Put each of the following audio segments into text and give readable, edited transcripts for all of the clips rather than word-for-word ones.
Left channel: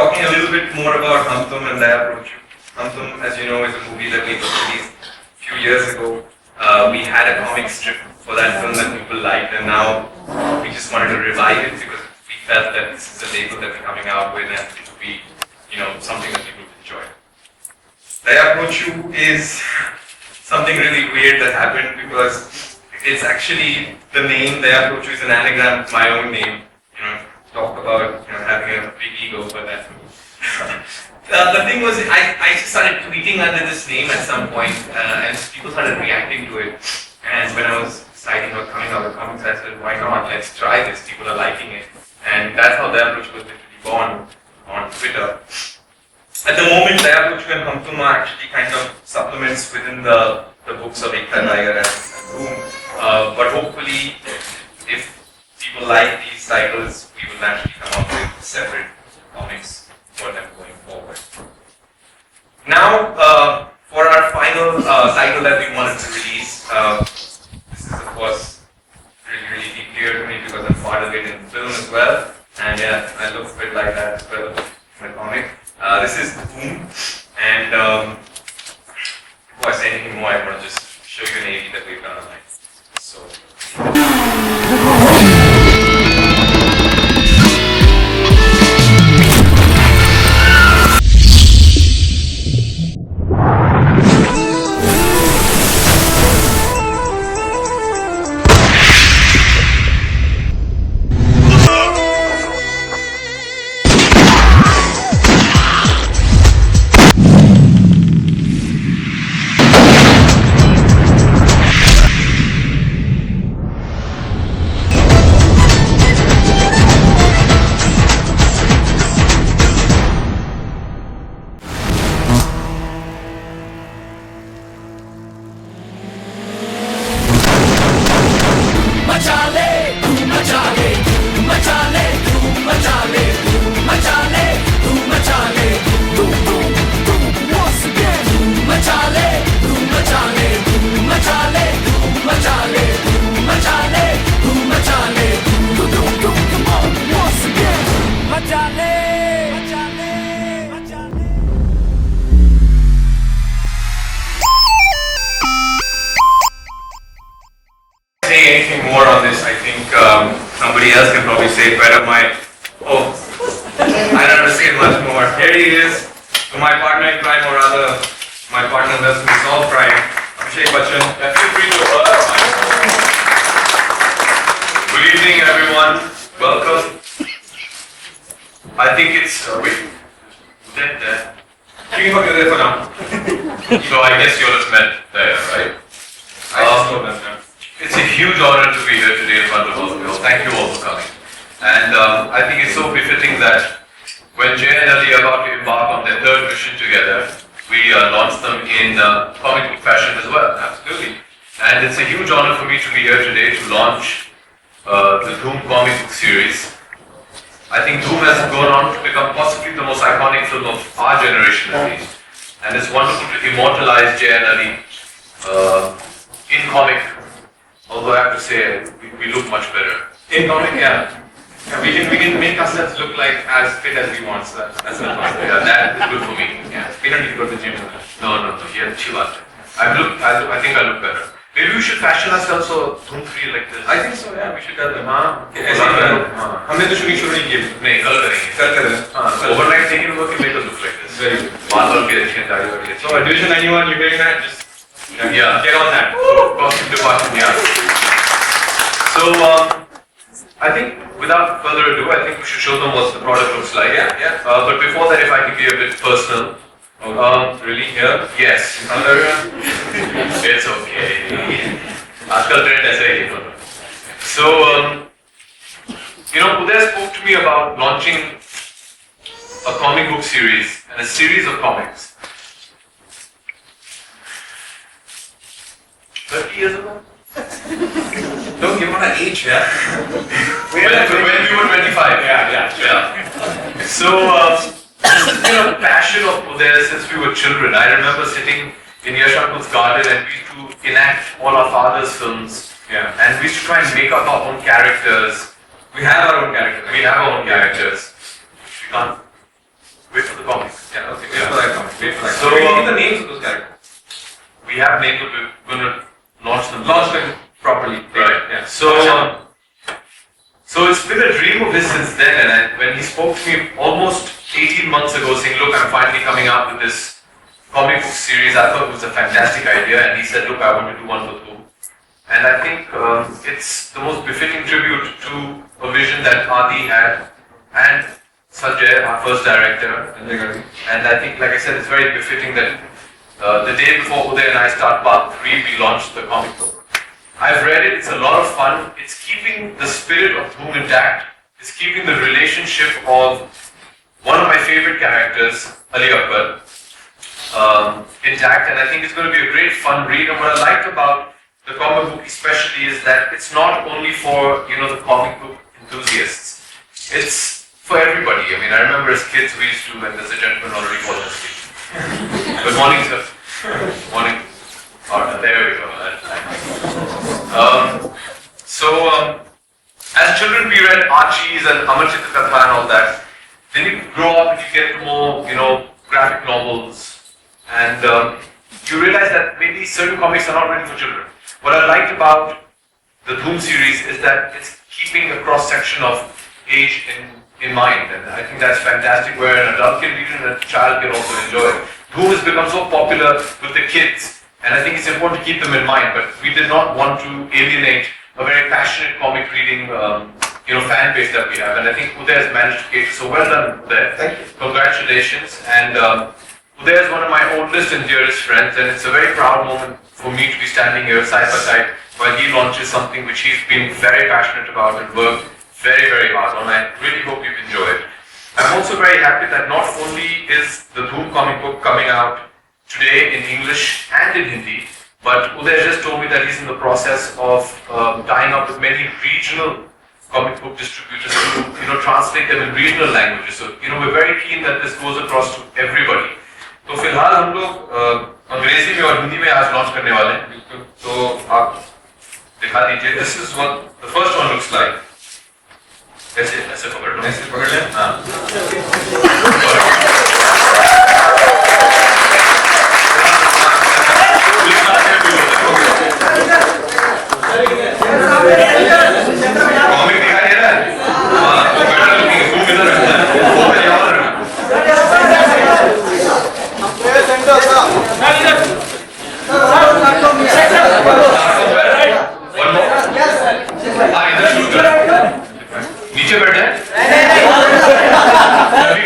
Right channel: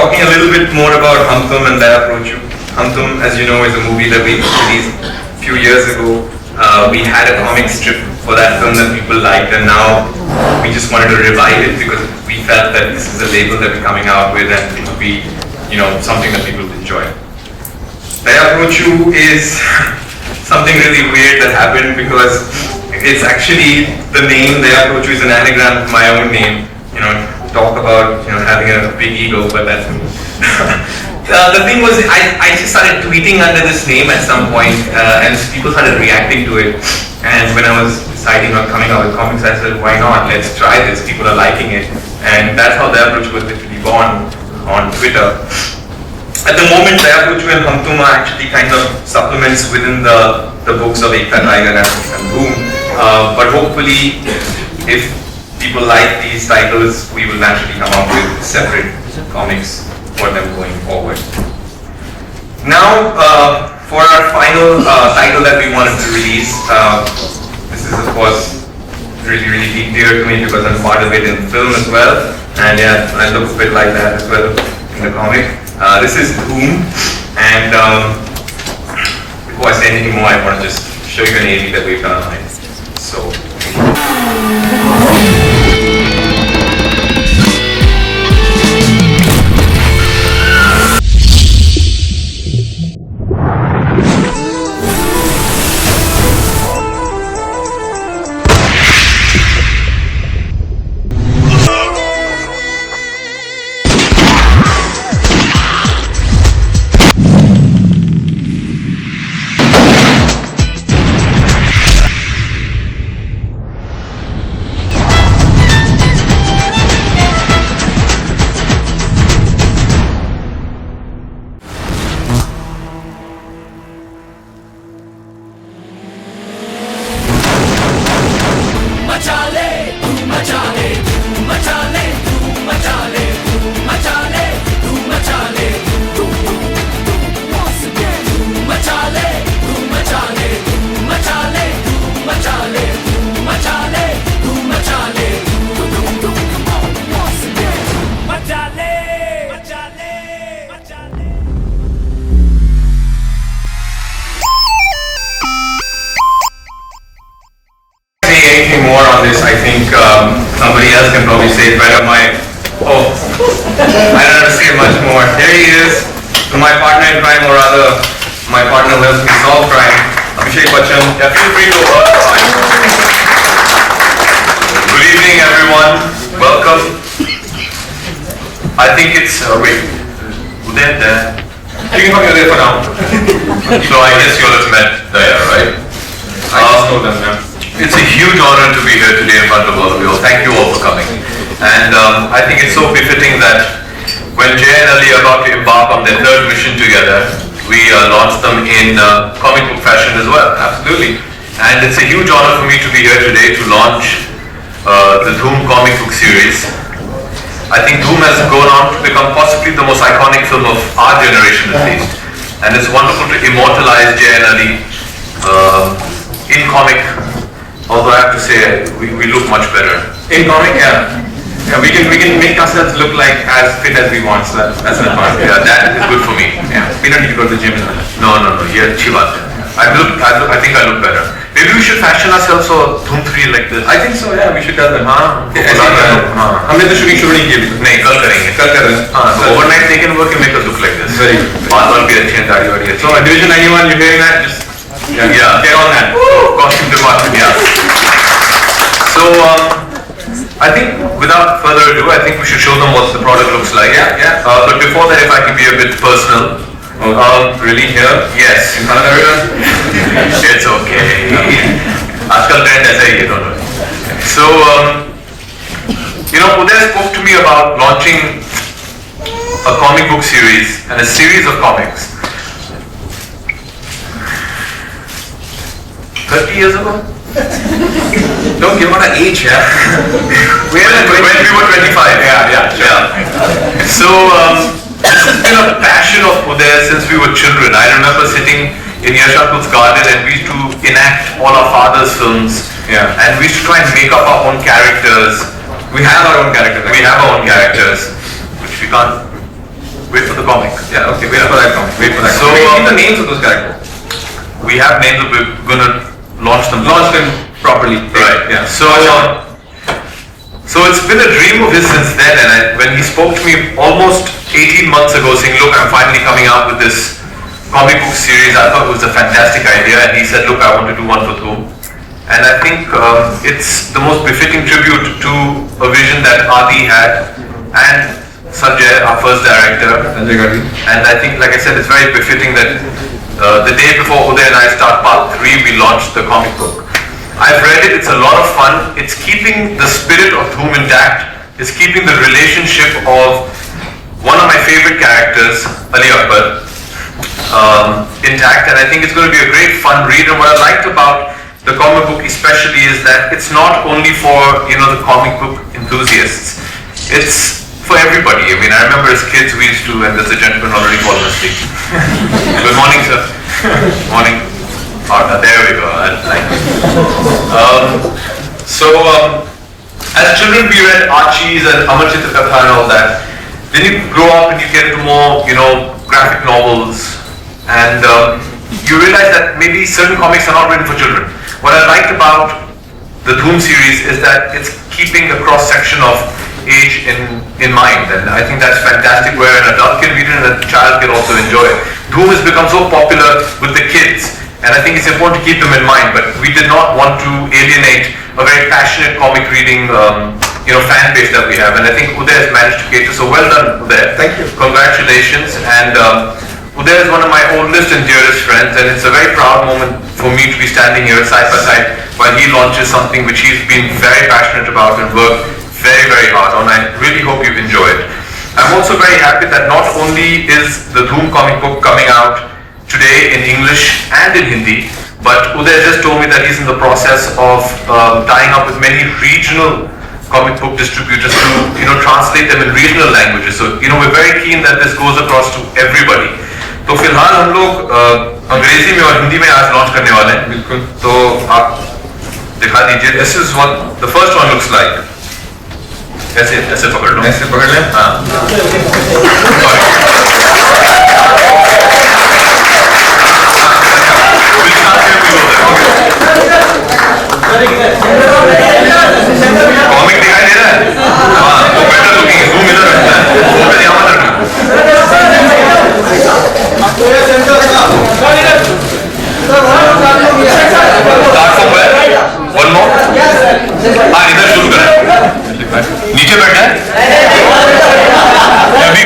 talking a little bit more about Hum Tum and Daya Prochu. Hum Tum, as you know, is a movie that we released a few years ago. We had a comic strip for that film that people liked, and now we just wanted to revive it because we felt that this is a label that we're coming out with and it would be, something that people would enjoy. Daya Prochu is something really weird that happened because it's actually the name Daya Prochu is an anagram of my own name. Talk about having a big ego, but that's me. The thing was, I just started tweeting under this name at some point, and people started reacting to it. And when I was deciding on coming out with comics, I said, why not? Let's try this. People are liking it. And that's how Daya Prochu was literally born on Twitter. At the moment, Daya Prochu and Hum Tum are actually kind of supplements within the books of Ekta Tiger and Boom. But hopefully, if people like these titles, we will naturally come up with separate comics for them going forward. Now, for our final title that we wanted to release, this is of course really, really dear to me because I'm part of it in film as well, and yeah, I look a bit like that as well in the comic. This is Dhoom, and before I say anything more, I want to just show you an AV that we've done on it. So. Anything more on this, I think somebody else can probably say it better. I don't have to say much more. Here he is, my partner in crime, or rather, my partner who helps me solve crime, Abhishek Bachchan. Yeah, feel free to. Good evening, everyone. Welcome. I think it's wait. Uday there. You can come here for now. So I guess you all have met Daya, right? I just know them, yeah. It's a huge honor to be here today in front of all of you. Thank you all for coming. And I think it's so befitting that when Jay and Ali are about to embark on their third mission together, we launched them in comic book fashion as well. Absolutely. And it's a huge honor for me to be here today to launch the Dhoom comic book series. I think Dhoom has gone on to become possibly the most iconic film of our generation at least. And it's wonderful to immortalize Jay and Ali in comic. Although I have to say, we look much better. In comic, yeah. We can make ourselves look like as fit as we want, so that's an advantage. Yeah, that is good for me. Yeah. We don't need to go to the gym as well. No. Yeah, chivat. I think I look better. Maybe we should fashion ourselves so Dhoom 3 like this. I think so, yeah, we should tell them. हमने तो shooting शुरू नहीं की अभी तक. नहीं, कल करेंगे. So overnight they can work and make us look like this. Very good. बाल भी अच्छे हैं, दाढ़ी वाड़ी अच्छी. So Division 91, you're hearing that? Just yeah, get on that. So, costume department, yeah. So, I think without further ado, I think we should show them what the product looks like. Yeah. But before that, if I can be a bit personal. Really here? Yes. In front of everyone? It's okay. Aajkal trend aisa hi hai, don't worry. So, Uday spoke to me about launching a comic book series and a series of comics. 30 years ago? Don't give out an age, yeah? when we were 25. Yeah. So, this has been a passion of Uday since we were children. I remember sitting in Yashankul's garden and we used to enact all our father's films. Yeah. And we used to try and make up our own characters. We have our own characters, which we can't Wait for the comic. Yeah, okay, wait for that comic. Wait for that. So, Wait, keep the names of those characters. We have names, but we're gonna launch them. Launch them properly. Right. Yeah. So it's been a dream of his since then, and when he spoke to me almost 18 months ago saying, look, I'm finally coming out with this comic book series, I thought it was a fantastic idea, and he said, look, I want to do one for Dhoom. And I think it's the most befitting tribute to a vision that Adi had, and Sanjay, our first director. And I think, like I said, it's very befitting that the day before Uday and I start part 3, we launched the comic book. I've read it, it's a lot of fun. It's keeping the spirit of Dhoom intact. It's keeping the relationship of one of my favorite characters, Ali Akbar, intact. And I think it's going to be a great fun read. And what I liked about the comic book especially is that it's not only for, the comic book enthusiasts. It's for everybody. I mean, I remember as kids we used to, and there's a gentleman already fallen asleep. Good morning, sir. Morning. There we go. As children we read Archies and Amar Chitra Katha and all that. Then you grow up and you get into more, graphic novels, and you realize that maybe certain comics are not written for children. What I liked about the Dhoom series is that it's keeping a cross section of age in mind, and I think that's fantastic, where an adult can read it and a child can also enjoy it. Dhoom has become so popular with the kids, and I think it's important to keep them in mind, but we did not want to alienate a very passionate comic reading fan base that we have, and I think Uday has managed to cater. So well done, Uday. Thank you. Congratulations. And Uday is one of my oldest and dearest friends, and it's a very proud moment for me to be standing here side by side while he launches something which he's been very passionate about and worked very, very hard on. I really hope you've enjoyed. I'm also very happy that not only is the Dhoom comic book coming out today in English and in Hindi, but Uday just told me that he's in the process of tying up with many regional comic book distributors to translate them in regional languages. So we're very keen that this goes across to everybody. तो फिलहाल हम लोग अंग्रेजी में और हिंदी में आज launch करने वाले हैं. बिल्कुल. तो आप दिखा दीजिए. This is what the first one looks like. ऐसे पकड़ लो. ऐसे पकड़ लें. हाँ. कॉमिक दिखाई दे रहा है? हाँ, वो बेटर लुकिंग है. Zoom इधर रखना है. वो पे यहाँ रखना. Start from where? One more? हाँ, इधर शुरू करें. नीचे बैठना है? अभी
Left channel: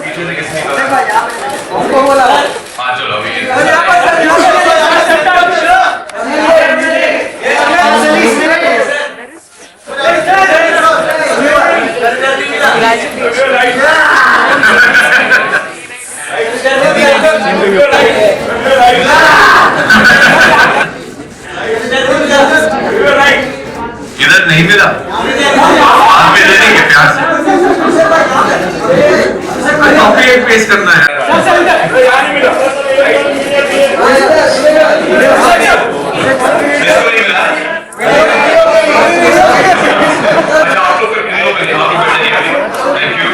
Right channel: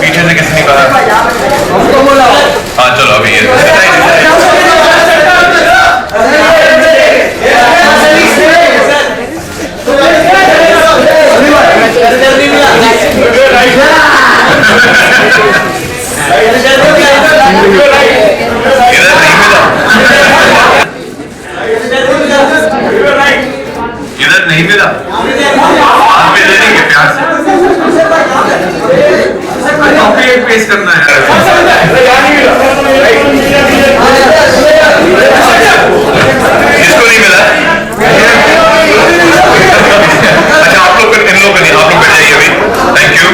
पीछे से किसने कहा? हाँ, चलो अभी ये. इधर नहीं मिला. आप भी ले लेंगे प्यार से. कॉपी पेस्ट करना है. किसको नहीं मिला? अच्छा, आप लोग इन लोगों को नहीं. आप लोग बैठ जाइए अभी. Thank you.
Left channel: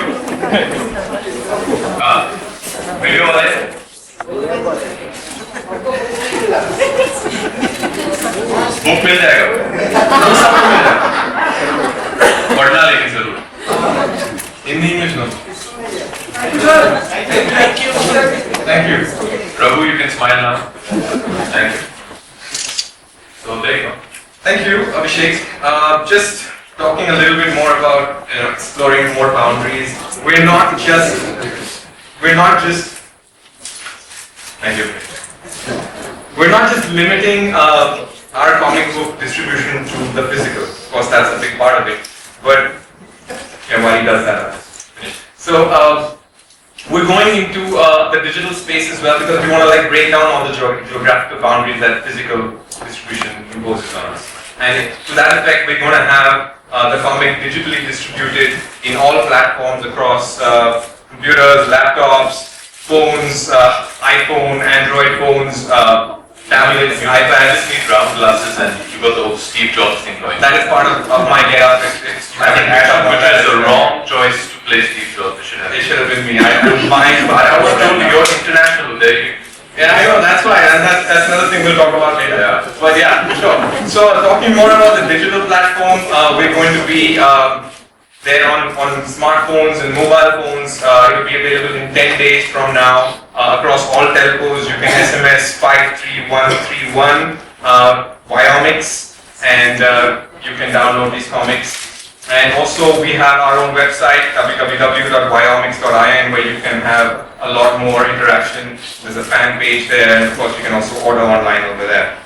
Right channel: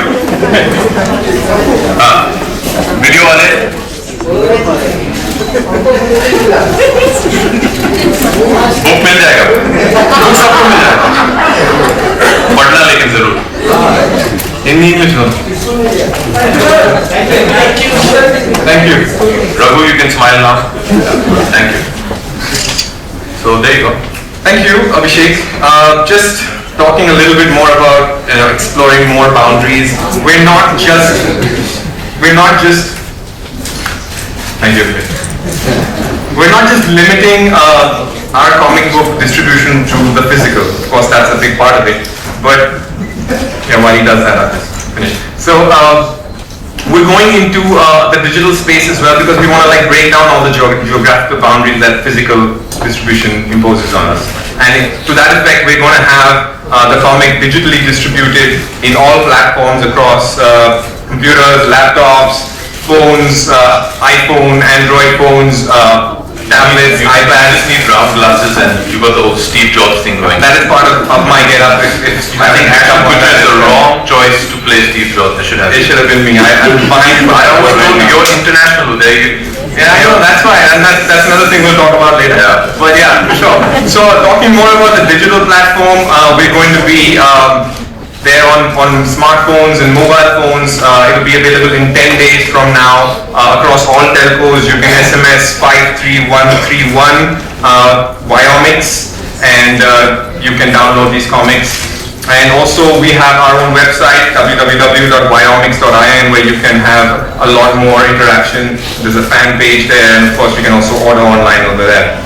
हाँ, वीडियो वाले बुक मिल जाएगा. वो सबको मिल जाएगा. पढ़ना लेकिन जरूर हिंदी इंग्लिश दोनों. Thank you. Raghu, you can smile now. Thank you. So there you go. Thank you, Abhishek. Just talking a little bit more about exploring more boundaries. We're not just. Thank you. We're not just limiting our comic book distribution to the physical. Of course, that's a big part of it. But while he does that, I'll just finish. So we're going into the digital space as well, because we want to break down all the geographical boundaries that physical distribution imposes on us. And to that effect, we're going to have the comic digitally distributed in all platforms across computers, laptops, phones, iPhone, Android phones, tablets, I iPads. just need round glasses and you got the whole Steve Jobs thing going. That is part of my get-up. If you I think haven't picked Ashton up on Kutcher that is as the well. wrong choice to play Steve Jobs. It should have It been. should have been me. I'm behind. I always told you right now. you're international. There you. Yeah, I know, that's why, and that's another thing we'll talk about later. Yeah. But yeah, for sure. So talking more about the digital platform, we're going to be there on smartphones and mobile phones. It'll be available in 10 days from now across all telcos. You can SMS 53131 Viomix, and you can download these comics. And also we have our own website, www.viomix.in, where you can have a lot more interaction. There's a fan page there, and of course you can also order online over there.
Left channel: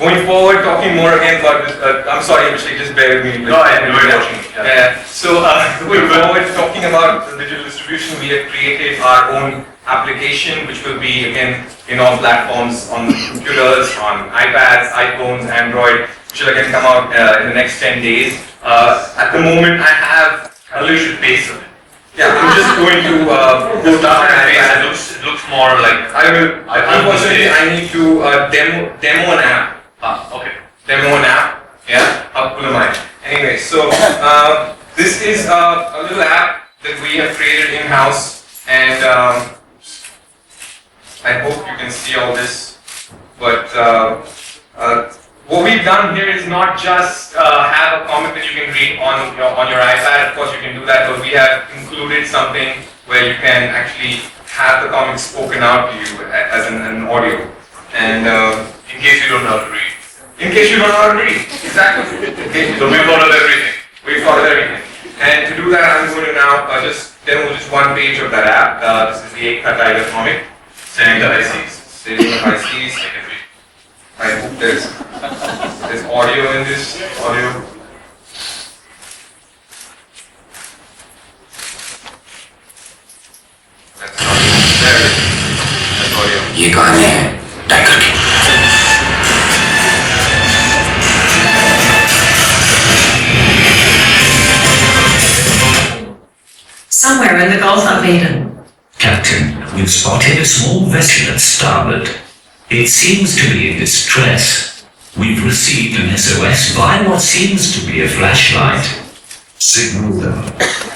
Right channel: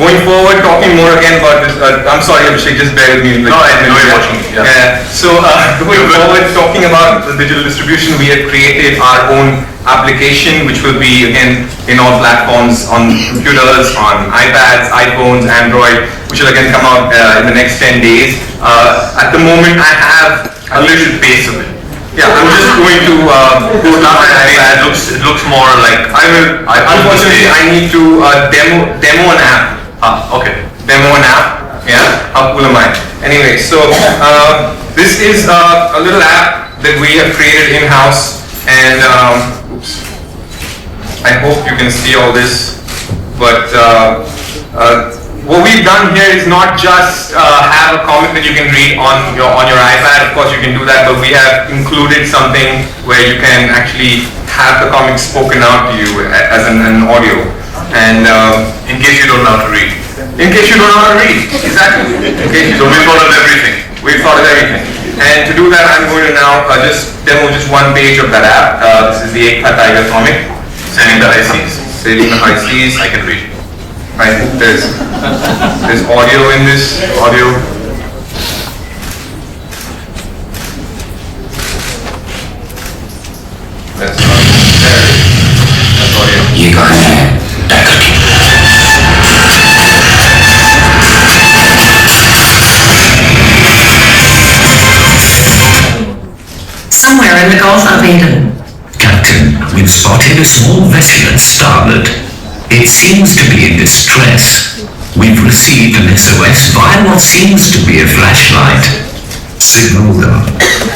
Going forward, talking more again about this, I'm sorry Abhishek, just bear with me. No, I know you're watching. Yeah. So going forward, talking about the digital distribution, we have created our own application, which will be again in all platforms, on computers, on iPads, iPhones, Android, which will again come out in the next 10 days. At the moment, I have a little Pace of it. yeah, I'm just going to go to my iPad. It looks more like. I will. Unfortunately, I need to demo an app. Okay. Demo an app. Yeah. How cool am I? Anyway, so this is a little app that we have created in house, and oops. I hope you can see all this, but. What we've done here is not just have a comic that you can read on your iPad. Of course, you can do that, but we have included something where you can actually have the comic spoken out to you as an audio. And In case you don't know how to read. in case you don't know how to read, exactly. In case you So don't we thought of everything. We've thought of everything. And to do that, I'm going to now just demo just one page of that app. This is the Ekta Tiger comic. Sending the high seas. Sailing the high seas. I can read. I hope there's audio in this. Audio. That's there. That's audio. Somewhere in the Gulf of Aden. Captain, we've spotted a small vessel at starboard. It seems to be in distress. We've received an SOS via what seems to be a flashlight. Signal them.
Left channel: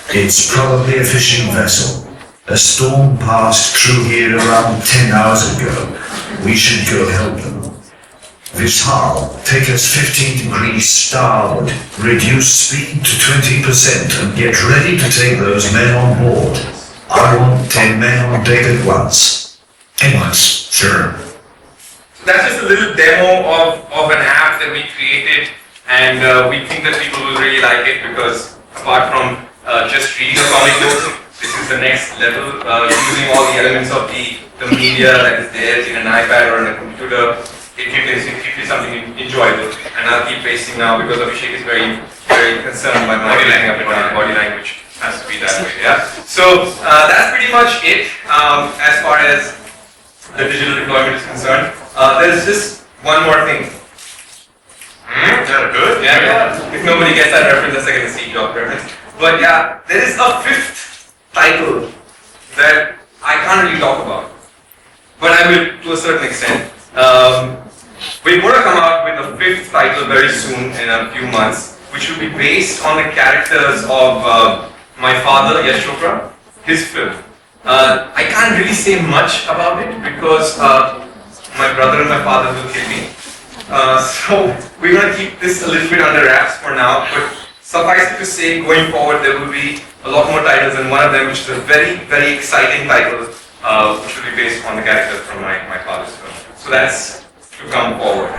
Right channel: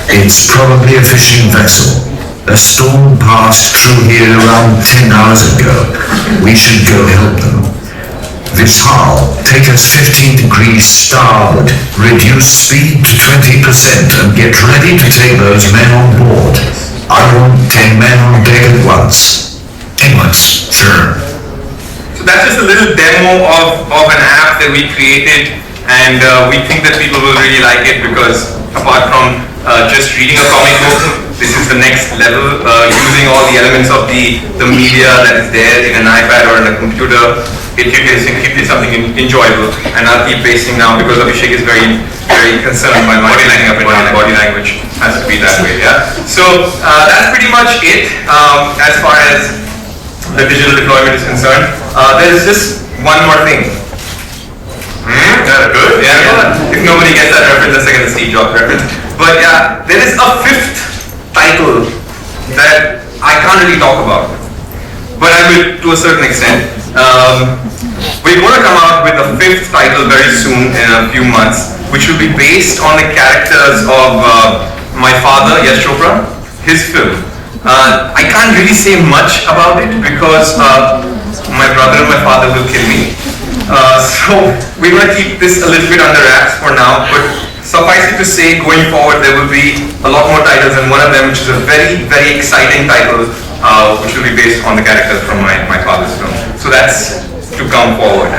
It's probably a fishing vessel. A storm passed through here around 10 hours ago. We should go help them. Vishal, take us 15 degrees starboard. Reduce speed to 20% and get ready to take those men on board. I want 10 men on deck at once. At once, sure. So that's just a little demo of an app that we created, and we think that people will really like it because apart from just reading a comic book, this is the next level, using all the elements of the media that is there in an iPad or in a computer. It is something enjoyable, and I'll keep pasting now because Abhishek is very concerned by my body language has to be that way. Yeah. So that's pretty much it as far as the digital deployment is concerned. There's just one more thing. Good. Yeah. If nobody gets that reference, that's like the Steve Jobs reference. But yeah, there is a fifth title that I can't really talk about, but I will to a certain extent. We're going to come out with a fifth title very soon in a few months, which will be based on the characters of my father, Yash Chopra, his film. I can't really say much about it because my brother and my father will kill me. So we're going to keep this a little bit under wraps for now, but suffice it to say, going forward there will be a lot more titles, and one of them, which is a very exciting title, which will be based on the characters from my father's film. So that's to come forward.